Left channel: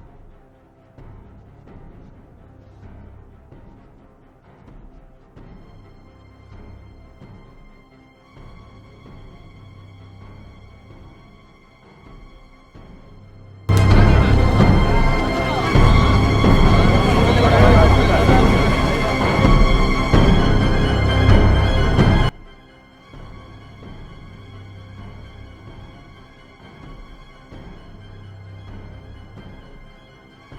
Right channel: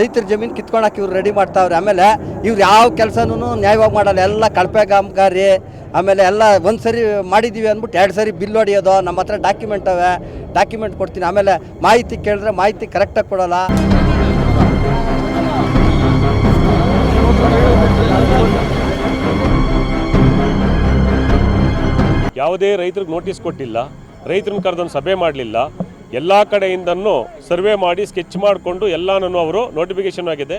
ರೈತರ ಜಮೀನು ಕಿತ್ಕೊಳಕ್ಕೆ ಇವ್ರು ರೆಡಿ ಮಾಡ್ತಾವ್ರೆ. ಆಮೇಲೆ ಇವ್ರು ಯಾವ ಕೆಲಸನೂ ನ್ಯಾಯವಾಗಿ ಮಾಡಲ್ಲ. ಎಲ್ಲ ಕಳಪೆ ಕಾಮಗಾರಿ, ಆಮೇಲೆ ಎಲ್ಲ ಒಂದು ಸರಿ ಮಾಡಿದ್ದೀವಿ ಅಂದ್ಬಿಟ್ಟು ಎರಡು ಸರಿ ಬಿಲ್ ಹೊಡೆಯೋದು. ನಮ್ಮ ಹತ್ರ ಡಾಕ್ಯುಮೆಂಟ್ ಅವೆ. ಡಾಕ್ಯುಮೆಂಟ್ ಕೊಡ್ತೀನಿ. ಆಮೇಲೆ ಮಾಹಿತಿ ಕೇಳಿದ್ರೆ ಮಾಹಿತಿ ಕರೆಕ್ಟಾಗಿ ಕೊಡೋಲ್ಲ. ಯಾವುದೇ ರೈತರಿಗೆ ನೋಟಿಸ್ ಕೊಟ್ಟಿಲ್ಲ. ರೈತರನ್ನ ಕರೆದೊಂದು ಸಭೆ ಮಾಡಲಿಲ್ಲ. ಎಲ್ಲ ಕಡೆಯಿಂದನೂ ಸರ್ವೆ ಮಾಡಿ ಸ್ಕೆಚ್ ಮಾಡಿಕೊಂಡು ಎಲ್ಲನೂ ಅವರು ನೋಟಿಫಿಕೇಶನ್ ಆಗಿದೆ.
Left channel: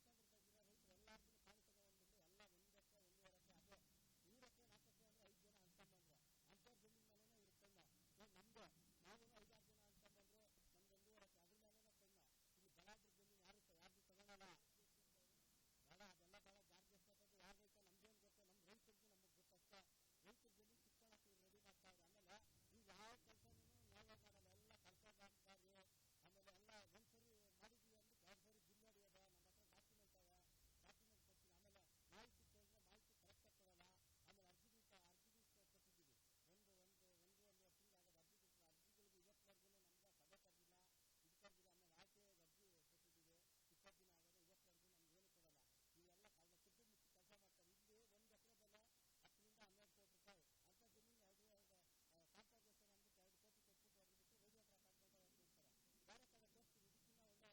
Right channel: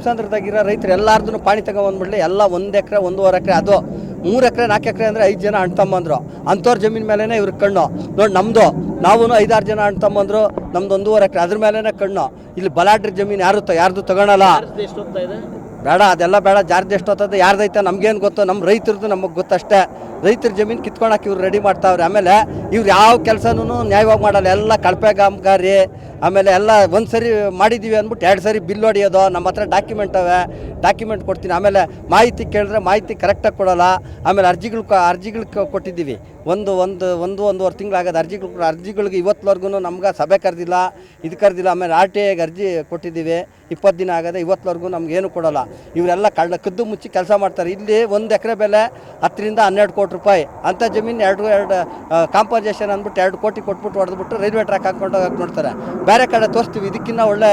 ತಿಮ್ಸಂದ್ರದಾಗಿರೋ ರೈತರು ಎಲ್ಲಾರ್ದು ಪಾಣಿ ತಗೊಂಬಂದ್ಬಿಡ್ಲಿ ಎಲ್ಲ ಒಂದು ಎಕರೆ ಒಂದೂವರೆ ಎಕರೆ ಅದು ಮೂರು ಎಕರೆ ನಾಲ್ಕು ಎಕರೆ ಅಂದರೆ ಐದು ಜನ ಅಣ್ಣ ತಮ್ಮಂದ್ರು ಅಂಥವ್ರ ಜಮೀನ್ ಮೇಲೇ ಇವ್ರ ಕಣ್ಣು. ನೋಡಿ ನಮ್ಮದು ನಾವು ಐದಾರು ಜನ ಅಣ್ಣ ತಮ್ಮಂದ್ರು ನಮ್ದು ಒಂದೂವರೆ ಎಕರೆ ಅದ್ರ ಮೇಲೇ ಕಣ್ಣು. ಇಲ್ಲಿ ಬಲಾಡ್ರಿ ಜಮೀನು ಯಾರು ತ ಯಾರ್ದು ತಗೊಳಲ್ಲ. ಬೇಡ ಅದೆಲ್ಲ ಬೇಡ ಜಾರ್ದು ಎಷ್ಟು ಹೊತ್ತದ ಯಾರ್ದೈತೆ ನಮ್ಗೇನು ಗೊತ್ತು ನಮ್ಮ ರೈತರದ್ದು ನಮಗೆ ಗೊತ್ತಷ್ಟೇ. ರೈತರ ಜಮೀನು ಕಿತ್ಕೊಳಕ್ಕೆ ಇವ್ರು ರೆಡಿ ಮಾಡ್ತಾವ್ರೆ. ಆಮೇಲೆ ಇವ್ರು ಯಾವ ಕೆಲಸನೂ ನ್ಯಾಯವಾಗಿ ಮಾಡಲ್ಲ. ಎಲ್ಲ ಕಳಪೆ ಕಾಮಗಾರಿ ಆಮೇಲೆ ಎಲ್ಲ ಒಂದು ಸರಿ ಮಾಡಿದ್ದೀವಿ ಅಂದ್ಬಿಟ್ಟು ಎರಡು ಸರಿ ಬಿಲ್ ಹೊಡೆಯೋದು, ನಮ್ಮ ಹತ್ರ ಡಾಕ್ಯುಮೆಂಟ್ ಅವೆ ಡಾಕ್ಯುಮೆಂಟ್ ಕೊಡ್ತೀನಿ. ಆಮೇಲೆ ಮಾಹಿತಿ ಕೇಳಿದ್ರೆ ಮಾಹಿತಿ ಕರೆಕ್ಟಾಗಿ ಕೊಡೋಲ್ಲ. ಆಮೇಲೆ ಅರ್ಜಿಗಳು ಅರ್ಜಿಗಳು ಕೊಟ್ಟಿದ್ದೀವಿ. ಒಂದು ಒಂದು ಒಂದು, ಒಂದೂವರೆ ತಿಂಗಳಾಗದ ಅರ್ಜಿಗಳು ಅರ್ಜಿಗಳಿಗೆ ಇವತ್ತುವರೆಗೂ ನಮ್ಗೆ ಸಭೆ ಕರೆದಿಲ್ಲ, ಇದು ಕರೆದಿಲ್ಲ. ಆಮೇಲೆ ಆರ್ ಟಿ ಐಗೆ ಅರ್ಜಿ ಕೊಟ್ಟಿದ್ದೀವಿ. ಇಪ್ಪತ್ತು ದಿನ ಆಗದೆ ಇವತ್ತುವರೆಗೂ ಏನು ಕೊಡೋಲ್ಲ. ಇವರೆಲ್ಲ ಕಳ್ಳ, ಕದ್ದು ಮುಚ್ಚಿ ಕೆಲಸ ಮಾಡ್ತಾರೆ. ಇಲ್ಲಿ ಒಂದು ಎಕರೆ ಬೆಲೆ ಹತ್ತರಿಂದ ಹನ್ನೆರಡು ಕೋಟಿ ರೂಪಾಯಿ. ಅಂಥ ಜಮೀನು ಎರಡು ಎರಡು ಕಾಂಪನ್ಸೇಷನ್ ಅಂದ್ಬಿಟ್ಟು ಎರಡು ಕೋಟಿ ಕೊಟ್ಬಿಟ್ಟು ಹೊಡೆದ್ಬಿಟ್ಟು ರೈಲ್ವೆ ಟ್ರ್ಯಾಕ್ ಹೋಗಕ್ಕೆ ನೋಡ್ತಾರೆ. ಬೇರೆ ಕಡೆ ತೋರಿಸ್ತೀವಿ. ಇದಕ್ಕಿಂತ ಒಳ್ಳೆ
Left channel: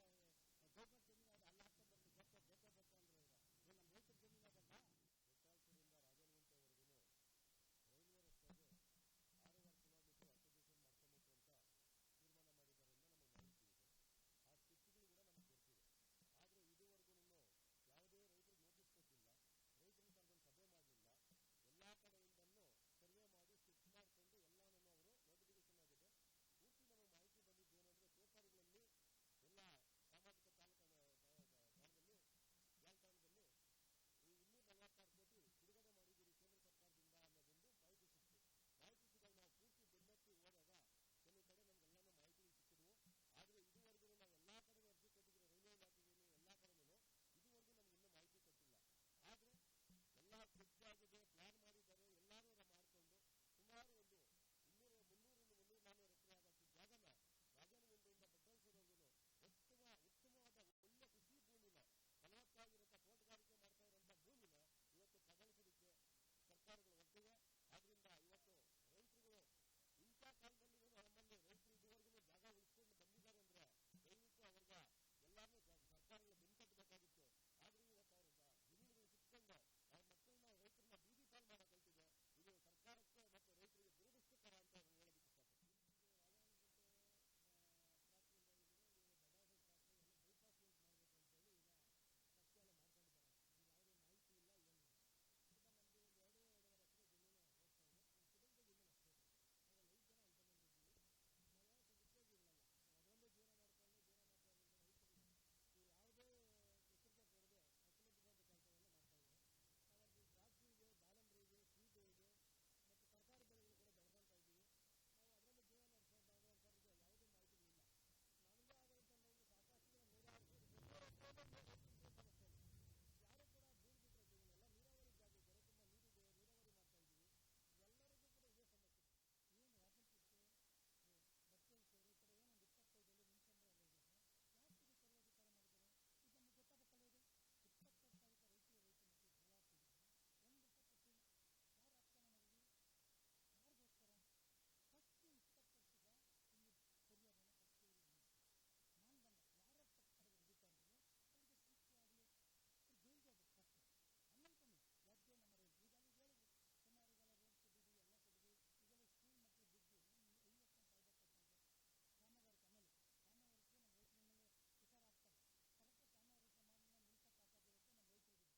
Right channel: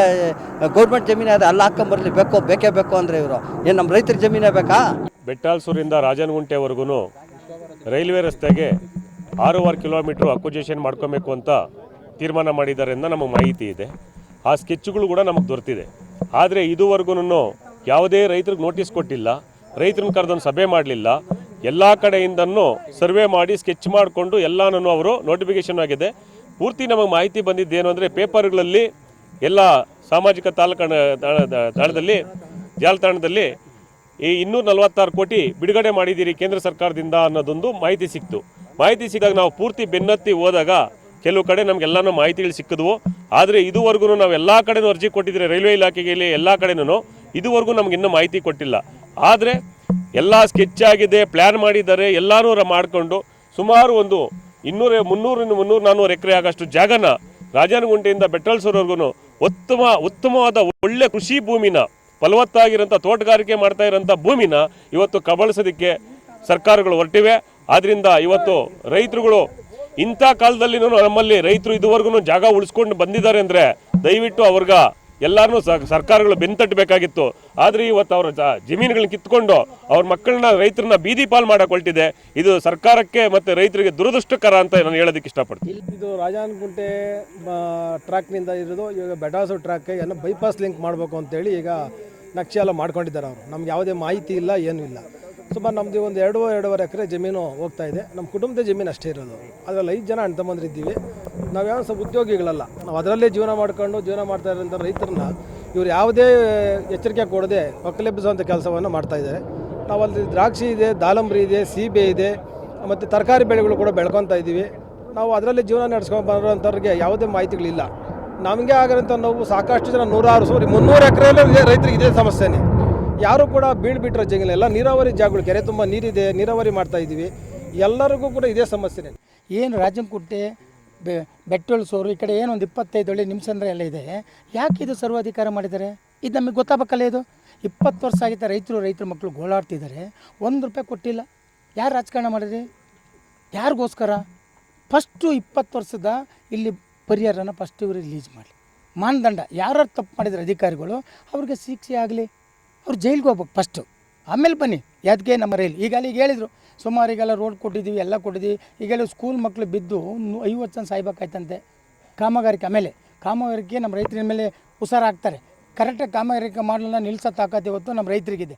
ಗೌರ್ಮೆಂಟ್ ಜಮೀನು ಅದೇ ಅಲ್ಲಿ ಹಾಕೊಂಬರ್ಲಿ ಬೇಕೋ, ಬೇಕೇ ಬೇಕು ಅಂದರೆ ಇವರು. ಏನು ನಮ್ಮ ರೈತರ ಜಮೀನೇ ಬೇಕಾ? ಬೆಟ್ಟಾಲ್ಸೂರಿಂದ ರಾಜನಗುಂಟೆವರೆಗೂ ರೈಲ್ವೆ ರಸ್ತೆಗೆ ಆರೂವರೆ ಕಿಲೋಮೀಟ್ರ್ ಅಕ್ವಿಜೇಷನ್ ಮಾಡ್ಕೋಬೇಕು ಅಂತ ತೀರ್ಮಾನ ಮಾಡಿದ್ದಾರೆ ಅಂತ ನಮಗೆ ಮಾಹಿತಿ ಇದೆ. ಆ ಸ್ಕೆಚ್ಗಳು ಕೂಡ ನಮಗೆ ದೊರೆತಿದೆ. ಆದರೆ ಇದುವರೆಗೂ ಯಾವುದೇ ರೈತರಿಗೆ ನೋಟಿಸ್ ಕೊಟ್ಟಿಲ್ಲ. ರೈತರನ್ನ ಕರೆದೊಂದು ಸಭೆ ಮಾಡಲಿಲ್ಲ. ಎಲ್ಲ ಕಡೆಯಿಂದನೂ ಸರ್ವೆ ಮಾಡಿ ಸ್ಕೆಚ್ ಮಾಡಿಕೊಂಡು ಎಲ್ಲನೂ ಅವರು ನೋಟಿಫಿಕೇಶನ್ ಆಗಿದೆ. ಪೂರ್ತಿ ನಮಗೆ ಮಾಹಿತಿ ಬಂದಿದ್ದೇನು ಅಂದರೆ ಪೇಪರ್ಗಳಲ್ಲಿ ಎಲ್ಲ ಸಾಮಾಜಿಕ ತಾಲಕಣ ತಾಣದಲ್ಲಿ ಜಾಲತಾಣದಲ್ಲಿ ಈ ಇನ್ನೂರ ನಲವತ್ತಾರು ಕೋಟಿ ಬಿಡುಗಡೆ ಮಾಡಿದ್ದೀರಿ ಕೇಂದ್ರ ಸರ್ಕಾರದಿಂದ ಅನ್ನೋದೊಂದು ಮಾಹಿತಿ ಸಿಕ್ತು. ಮಾಹಿತಿ ಸಿಕ್ಕಾಗ ನಾವು ಪೂರ್ತಿ ಬೆನ್ನತ್ತಿ ಹೋದಾಗ ಕೆಲವು ಕಡೆ ನಮಗೆಲ್ಲನೂ ಮಾಹಿತಿಗಳು ಸಿಕ್ಕಿದ್ವು. ಆದರೆ ಇದುವರೆಗೂ ನಾವು ಎಲ್ಲ ಕಡೆನೂ ಅರ್ಜಿ ಕೊಟ್ಟಿದ್ದೀರಿ ರೈಲ್ವೆ ಇಲಾಖೆಗೆ ಎಲ್ಲ ಕಡೆನೂ ಇದುವರೆಗೂ ನಮ್ಗೆ ಇನ್ನೂ ಮಾಹಿತಿ ಕೊಟ್ಟಿಲ್ಲ. ಆದರೆ ಎಲ್ಲ ಸ್ಕೆಚ್ ಆಗಿದೆ ಪ್ಲ್ಯಾನ್ ಮಾಡಿದ್ದಾರೆ, ಎಲ್ಲನೂ ರ- ಮಾಡಿಕೊಂಡು ಸುಮಾರು ಒಂದು ಇನ್ನೂರ ಮುನ್ನೂರಿಂದ ಮುನ್ನೂರು ನಾನ್ನೂರು ಎಕರೆ ಆಗಷ್ಟು ಜಾಗನ ರಾಜನಗುಂಟೆಯಿಂದ ಬೆಟ್ಟಲ್ಸೂರ್ವರೆಗೂ ಉತ್ತಮ ಉತ್ತಮವಾದ ಒಳ್ಳೆ ಕೃಷಿ ಭೂಮಿನ ಫಲವತ್ತಾಗಿರೋಂಥ ತೋಟಗಾರಿಕೆ ಮಾಡ್ತಾ ಇರೋಂಥ ಭೂಮಿನ ಇವತ್ತು ಕಬಳಿಸೋದಕ್ಕೆ ಸರ್ಕಾರಗಳು ಹೊರಟಿವೆ. ಆದ್ದರಿಂದ ಇವತ್ತು ರೈತರುಗಳು ಇಂಥ ಕಾಲದಲ್ಲಿ ನಮ್ಮಲ್ಲಿ ರೈತರು ಇದುವರೆಗೂ ಜಾಗ ಉಳಿಸ್ಕೊಂಡು ಬಂದಿದ್ದಾರೆ ಅಂದರೆ ದಯವಿಟ್ಟು ಅವ್ರಿಗ ಎಲ್ಲರನ್ನೂ ಸರ್ಕಾರಗಳು ಬೆನ್ತಟ್ಟಬೇಕಾಗಿತ್ತು. ಆದರೆ ಇವತ್ತು ಅವರ ಜಮೀನುಗಳನ್ನ ಕಿತ್ಕೊಂಡು ಅವ್ರ ಮಕ್ಕಳನ್ನ, ರೈತರನ್ನ ಬೀದಿ ಪಾಲ್ ಮಾಡಕ್ಕೆ ಇದು ಸರ್ಕಾರಕ್ಕೆ ಮತ್ತು ರೈತರಿಗೆ ದುರದೃಷ್ಟಕರ ಅಂತ ನಾನು ಹೇಳೋದಕ್ಕೆ ಇಷ್ಟಪಡ್ತೀನಿ. ಇದು ರಾಜಾನಗುಂಟೆ ಟ್ರ್ಯಾಕ್ನಿಂದ ಇರೋದು ಇವಾಗ ಬೆಡಾಸು ಟ್ರ್ಯಾಕ್ ಎಲ್ಲ ಬೈಪಾಸ್ ಲಿಂಕ್ ಮಾಡಬೇಕು ಅಂತೇಳಿ ಈಗ ನಕ್ಷೆ ಎಲ್ಲ ಮಾಡ್ಕೊಂಡಿದ್ದಾರೆ ಅವರು. ನಮ್ಗೆ ಯಾವುದೇ ಮಾಹಿತಿ ಇಲ್ಲ, ಏನೂ ಇಲ್ಲ. ಸುಮಾರು ನಮ್ಮದು ಒಂದು ಎರಡು, ಎರಡೂವರೆ ಎಕರೆ ಜಮೀನು ಹೋಗ್ತಾ ಇದೆ. ನಮ್ಮ ಕುಟುಂಬದ ಜಮೀನು ಅಷ್ಟೇ ಇರೋದು. ಅದರಲ್ಲಿ ಐದು ಜನ ಅಣ್ತಮ್ಮಂದ್ರಿದ್ದೀವಿ ನಾವು ನಾವ್ಯಾವ ಸ್ವಲ್ಪ ಉದ್ಯೋಗಿಗಳಲ್ಲ. ನಾವು ಅದರಲ್ಲೇ ಜೀವನ ಮಾಡ್ಕೊಂಡು ಜೀವನ ಮಾಡ್ತಾ ಇರೋಂಥ ರೈತರನ್ನ ಇವ್ರು ಯಾವುದೇ ಎಚ್ಚರಿಕೆ ಕೊಡದೆ ಒಕ್ಕಲೆಬ್ಬಿಸುವಂಥ ಕೆಲಸವನ್ನು ಮಾಡ್ತಾ ಇದ್ದಾರೆ. ನಾವು ಅಲ್ಲಿ ದ್ರಾಕ್ಷಿ ಇದೆ ದಾಳಂಬ್ರಿ ಇದೆ, ಸೀಬೆ ಇದೆ, ಮತ್ತು ತರಕಾರಿ ಬೆಳೆಗಳು ಕೂಡ ಬೆಳ್ಕೊತಾ ಇದ್ದೀವಿ. ನಾವು ಅದರಲ್ಲಿ ಜೀವನ ನಡೆಸ್ಕೊಂಡು ಬರೋಂಥವ್ರಿಗೆ ಯಾವುದೇ ಮಾಹಿತಿಗಳಿಲ್ಲ. ನಮಗೆ ಆಗಿರೋಂಥ ನೋವು ಸಾಕಷ್ಟು ಜನ ನೂರಾರು, ಸಾರಿ, ಮುನ್ನೂರು ಎಕರೆಯಲ್ಲೂ ರೈತರಿಗೆ ಇದೇ ಸಮಸ್ಯೆನೇ. ಯಾರು ಕೂಡ ಬೀಳ್ಬಿಟ್ರೆ ಎಲ್ಲ ನೀರಾವರಿ ಜಾಗಗಳು, ಕೆರೆ ತುಂಬ ನೀರಿದೆ, ನೀರಾವರಿ ಮಾಡ್ತಾ ಇದ್ದೀವಿ. ಎಲ್ಲರಿಗೂ ಕೂಡ ಇದೇ ಸಮಸ್ಯೆನೇ. ಏನು ರಾಜಂಕುಟ್ಟೆ ಬೆ ಈ ಕಡೆ ಏನು ಒಂದು ಇಪ್ಪತ್ತೈದು ಒಳ್ಳೆ ನಿಮಿಷಂದ್ರೆ ಎಲ್ಲ ಇದೆ. ಯಾಕೆ ಇದು ಸರ್ವಾಧಿಕಾರ ಮಾಡಿದ್ದಾರೆ? ಇದು ನಮಗೆ ಗೊತ್ತಾಗಬೇಕಲ್ಲ ಇದು? ಇಪ್ಪತ್ತು ವರ್ಷ ಆಗಿದ್ದ ರೈತರು, ರೈತರ ಮಕ್ಕಳು ಗೋಳಾಡ್ತಿದ್ದಾರೆ. ಒಂದು ರೂಪಾಯಿ ಕೊಟ್ಟಿಲ್ಲ. ಯಾರು ರಾಜಕಾರಣ ಮಾಡಿದ್ರಿ? ಯಾರಿಗೋಸ್ಕರ? ಫಸ್ಟು ಇಪ್ಪತ್ತು ವರ್ಷದ ಇಲ್ಲಿ ಪರಿಹಾರನ ಫಸ್ಟ್ ಇವರು ರಿಲೀಸ್ ಮಾಡಲಿ. ಮಾನದಂಡ. ಯಾರು ತಪ್ಪು ಮಾಡಿದ್ರೆ ಅಧಿಕಾರಿಗಳು, ಅವ್ರಿಗೆ ಶಿಕ್ಷೆ ಆಗಲಿ ಅವ್ರು ಜೈಲಿಗೆ ಹೋಗ್ಬೇಕು ಫಸ್ಟು ಆಮೇಲೆ ಬನ್ನಿ ಯಾದಕ್ಕೆ ನಮ್ಮ ರೈಲ್. ಈಗ ಅಲ್ಲಿ ಈಗ ಹೇಳಿದರು, ಸುಮಾರು ಈಗೆಲ್ಲ ರೋಡ್ ಕೊಟ್ಟಿದ್ದೀವಿ, ಎಲ್ಲ ಕೊಟ್ಟಿದ್ದೀವಿ. ಈಗೆಲ್ಲ ಸ್ಕೂಲ್ ಮಕ್ಕಳು ಬಿದ್ದು ಐವತ್ತು ಜನ ಸಾಯ್ಬೇಕಾಯ್ತಂತೆ ಕಾಮಗಾರಿಕೆ ಆಮೇಲೆ, ಕಾಮಗಾರಿಕೆ ನಮ್ಮ ರೈತರ ಮೇಲೆ ಹುಷಾರಾಗ್ತಾರೆ ಕರೆಕ್ಟಾಗಿ ಕಾಮಗಾರಿಕೆ ಮಾಡಲನ್ನ ನಿಲ್ಸೋ ತಾಕತ್ತೆ ಇವತ್ತು ನಮ್ಮ ರೈತರಿಗಿದೆ.